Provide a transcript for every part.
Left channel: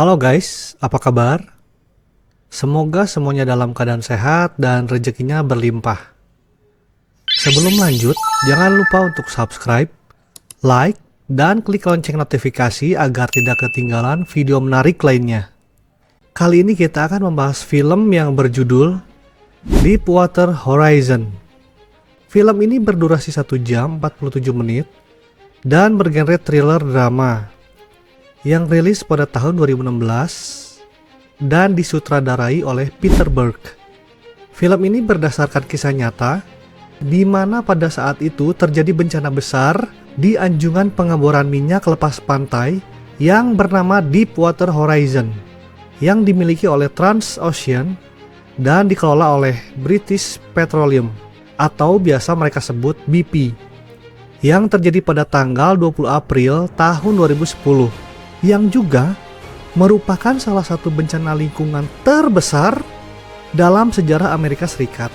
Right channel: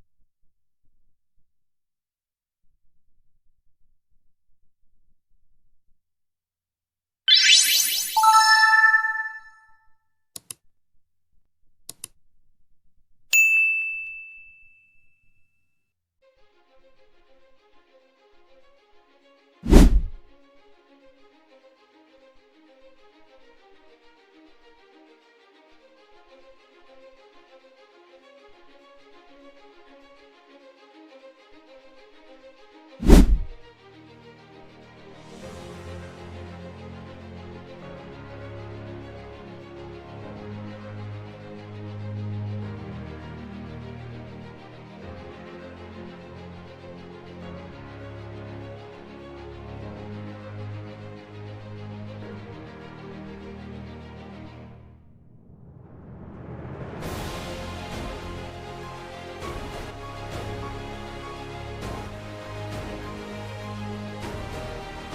Halo guys, apa kabar? Semoga semuanya dalam keadaan sehat dan rezekinya berlimpah. Sebelum lanjut, jangan lupa untuk subscribe, like, dan klik lonceng notifikasi agar tidak ketinggalan video menarik lainnya. Kali ini kita akan membahas film yang berjudul Deepwater Horizon. Film ini berdurasi 1 jam 47 menit dan bergenre thriller drama yang rilis pada tahun 2016 dan disutradarai oleh Peter Berg. Film ini berdasarkan kisah nyata di mana pada saat itu terjadi bencana besar di anjungan pengeboran minyak lepas pantai yang bernama Deepwater Horizon yang dimiliki oleh Transocean dan dikelola oleh British Petroleum atau biasa mereka sebut BP, yang terjadi pada tanggal 20 April tahun 2010, yang juga merupakan salah satu bencana lingkungan terbesar dalam sejarah Amerika Serikat.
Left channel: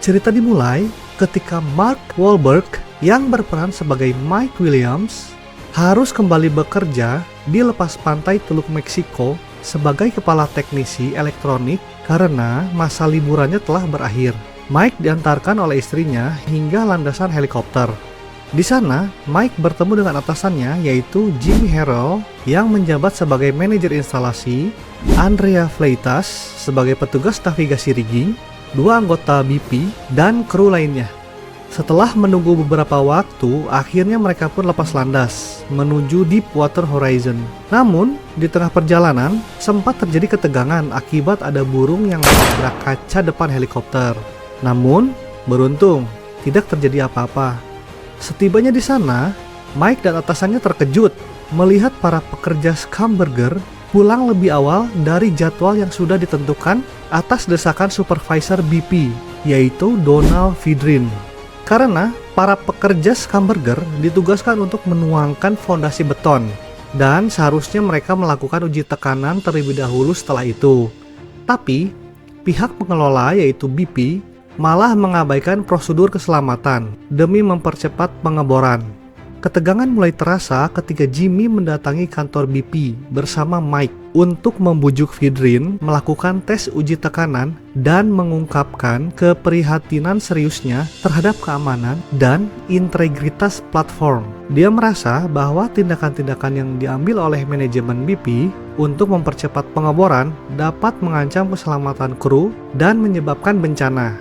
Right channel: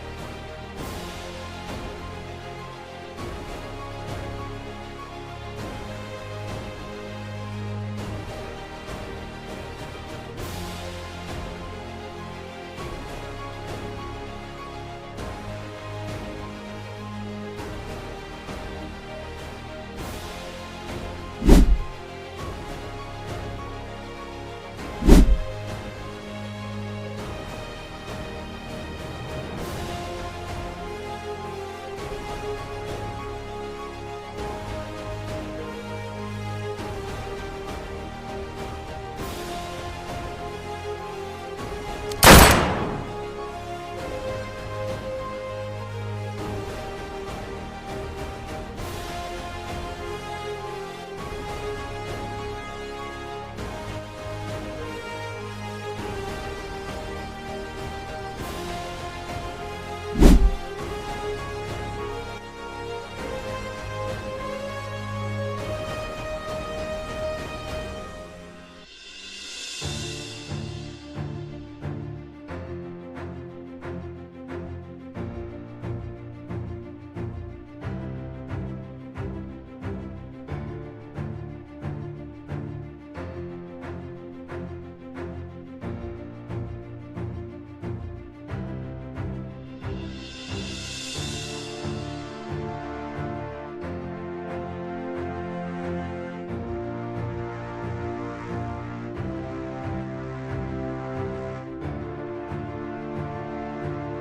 Cerita dimulai ketika Mark Wahlberg yang berperan sebagai Mike Williams harus kembali bekerja di lepas pantai Teluk Meksiko sebagai kepala teknisi elektronik karena masa liburannya telah berakhir. Mike diantarkan oleh istrinya hingga landasan helikopter. Di sana, Mike bertemu dengan atasannya yaitu Jimmy Harrell yang menjabat sebagai manajer instalasi, Andrea Fleitas sebagai petugas navigasi rigging, 2 anggota BP, dan kru lainnya. Setelah menunggu beberapa waktu, akhirnya mereka pun lepas landas menuju Deepwater Horizon. Namun, di tengah perjalanan, sempat terjadi ketegangan akibat ada burung yang menabrak kaca depan helikopter. Namun, beruntung, tidak terjadi apa-apa. Setibanya di sana, Mike dan atasannya terkejut melihat para pekerja Schlumberger pulang lebih awal dari jadwal yang sudah ditentukan atas desakan supervisor BP, yaitu Donald Vidrin. Karena para pekerja Schlumberger ditugaskan untuk menuangkan fondasi beton, dan seharusnya mereka melakukan uji tekanan terlebih dahulu setelah itu. Tapi, pihak pengelola yaitu BP malah mengabaikan prosedur keselamatan demi mempercepat pengeboran. Ketegangan mulai terasa ketika Jimmy mendatangi kantor BP bersama Mike untuk membujuk Vidrin melakukan tes uji tekanan dan mengungkapkan keprihatinan seriusnya terhadap keamanan dan integritas platform. Dia merasa bahwa tindakan-tindakan yang diambil oleh manajemen BP untuk mempercepat pengeboran dapat mengancam keselamatan kru dan menyebabkan bencana.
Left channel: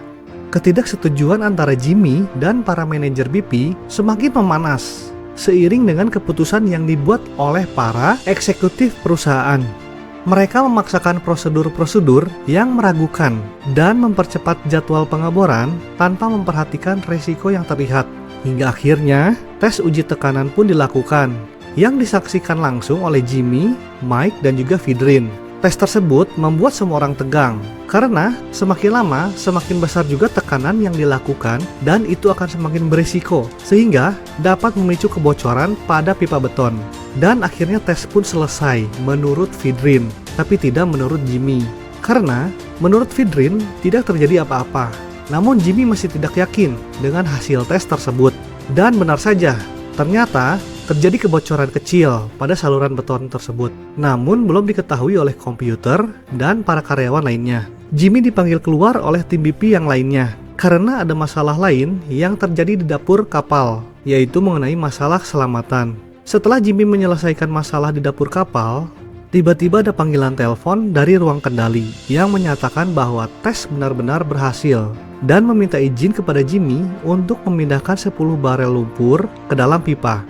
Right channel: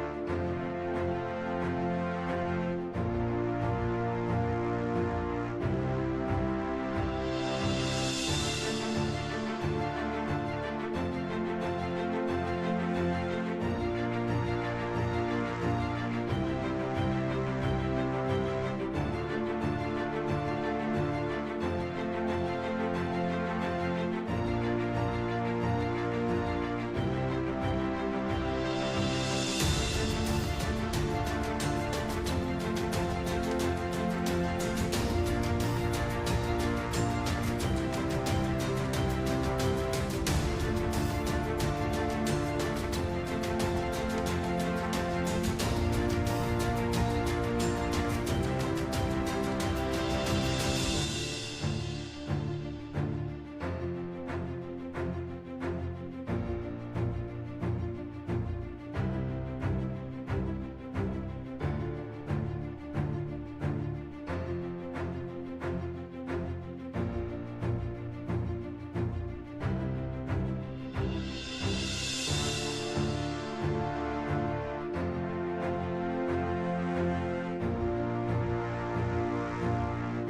Ketidaksetujuan antara Jimmy dan para manajer BP semakin memanas seiring dengan keputusan yang dibuat oleh para eksekutif perusahaan. Mereka memaksakan prosedur-prosedur yang meragukan dan mempercepat jadwal pengeboran tanpa memperhatikan resiko yang terlihat. Hingga akhirnya tes uji tekanan pun dilakukan yang disaksikan langsung oleh Jimmy, Mike, dan juga Vidrin. Tes tersebut membuat semua orang tegang, karena semakin lama semakin besar juga tekanan yang dilakukan dan itu akan semakin berisiko, sehingga dapat memicu kebocoran pada pipa beton. Dan akhirnya tes pun selesai menurut Vidrin, tapi tidak menurut Jimmy. Karena menurut Vidrin tidak terjadi apa-apa, namun Jimmy masih tidak yakin dengan hasil tes tersebut. Dan benar saja, ternyata terjadi kebocoran kecil pada saluran beton tersebut, namun belum diketahui oleh komputer dan para karyawan lainnya. Jimmy dipanggil keluar oleh tim BP yang lainnya karena ada masalah lain yang terjadi di dapur kapal, yaitu mengenai masalah keselamatan. Setelah Jimmy menyelesaikan masalah di dapur kapal, tiba-tiba ada panggilan telepon dari ruang kendali yang menyatakan bahwa tes benar-benar berhasil dan meminta izin kepada Jimmy untuk memindahkan 10 barel lumpur ke dalam pipa.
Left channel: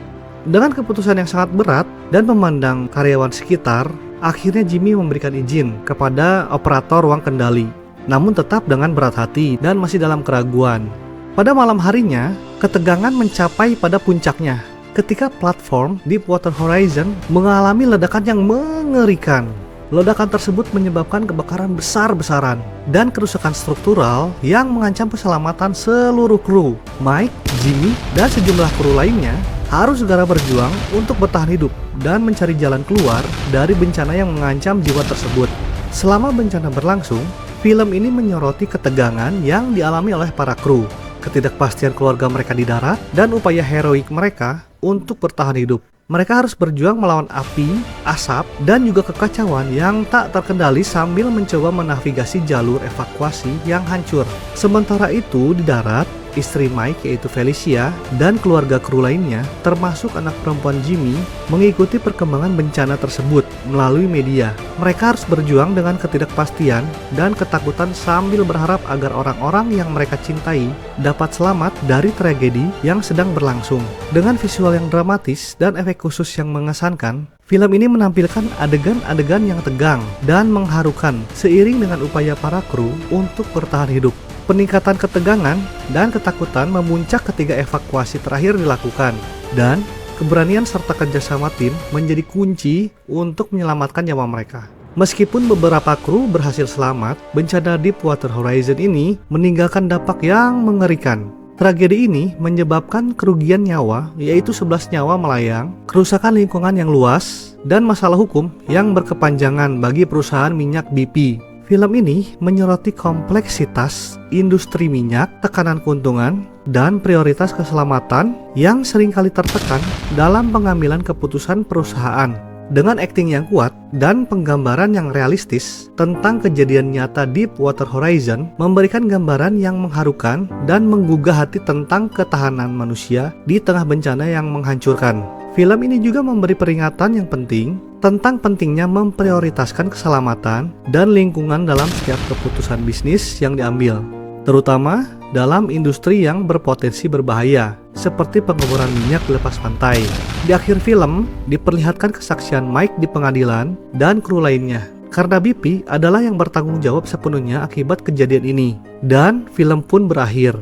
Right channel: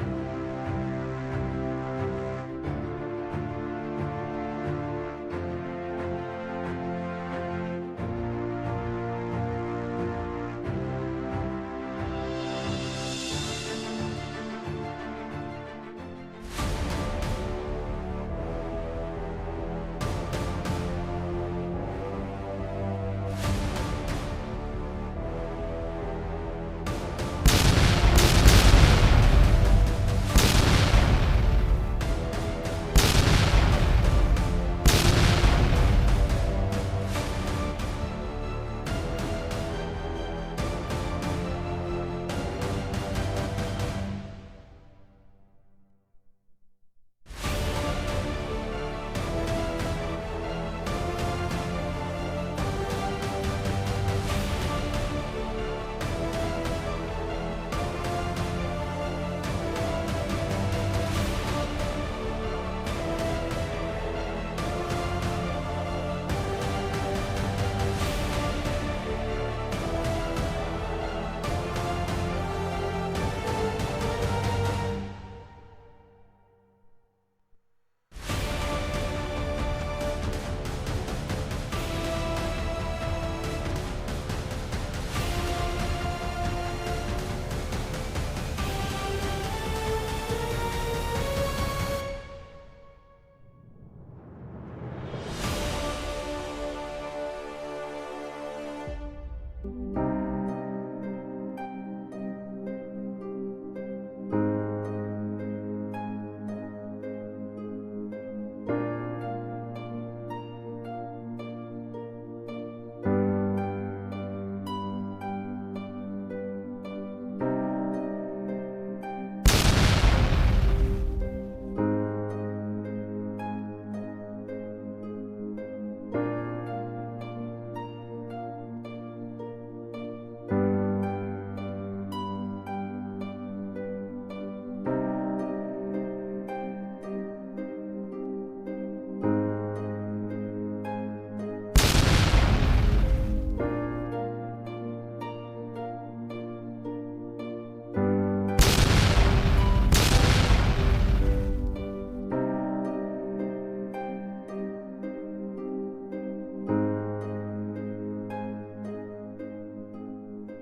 Dengan keputusan yang sangat berat dan memandang karyawan sekitar, akhirnya Jimmy memberikan izin kepada operator ruang kendali, namun tetap dengan berat hati dan masih dalam keraguan. Pada malam harinya, ketegangan mencapai pada puncaknya ketika platform Deepwater Horizon mengalami ledakan yang mengerikan. Ledakan tersebut menyebabkan kebakaran besar-besaran dan kerusakan struktural yang mengancam keselamatan seluruh kru. Mike, Jimmy, dan sejumlah kru lainnya harus segera berjuang untuk bertahan hidup dan mencari jalan keluar dari bencana yang mengancam jiwa tersebut. Selama bencana berlangsung, film ini menyoroti ketegangan yang dialami oleh para kru, ketidakpastian keluarga mereka di darat, dan upaya heroik mereka untuk bertahan hidup. Mereka harus berjuang melawan api, asap, dan juga kekacauan yang tak terkendali sambil mencoba menavigasi jalur evakuasi yang hancur. Sementara itu di darat, istri Mike yaitu Felicia dan keluarga kru lainnya, termasuk anak perempuan Jimmy, mengikuti perkembangan bencana tersebut melalui media. Mereka harus berjuang dengan ketidakpastian dan ketakutan sambil berharap agar orang-orang yang mereka cintai dapat selamat dari tragedi yang sedang berlangsung. Dengan visual yang dramatis dan efek khusus yang mengesankan, film ini menampilkan adegan-adegan yang tegang dan mengharukan seiring dengan upaya para kru untuk bertahan hidup. Peningkatan ketegangan dan ketakutan memuncak ketika evakuasi terakhir dilakukan, dan keberanian serta kerjasama tim menjadi kunci untuk menyelamatkan nyawa mereka. Meskipun beberapa kru berhasil selamat, bencana Deepwater Horizon ini meninggalkan dampak yang mengerikan. Tragedi ini menyebabkan kerugian nyawa, yaitu 11 nyawa melayang, kerusakan lingkungan yang luas, dan masalah hukum yang berkepanjangan bagi perusahaan minyak BP. Film ini menyoroti kompleksitas industri minyak, tekanan keuntungan, dan prioritas keselamatan yang seringkali tertekan dalam pengambilan keputusan perusahaan. Dengan akting yang kuat dan penggambaran yang realistis tentang kejadian nyata Deepwater Horizon, memberikan gambaran yang mengharukan dan menggugah hati tentang ketahanan manusia di tengah bencana yang menghancurkan. Film ini juga memberi peringatan yang penting tentang pentingnya memprioritaskan keselamatan dan lingkungan dalam setiap keputusan bisnis yang diambil, terutama dalam industri yang berpotensi berbahaya, seperti pengukuran minyak di lepas pantai. Di akhir film, diperlihatkan kesaksian Mike di pengadilan dan kru lainnya, karena BP adalah yang bertanggung jawab sepenuhnya akibat kejadian ini. Dan film pun berakhir.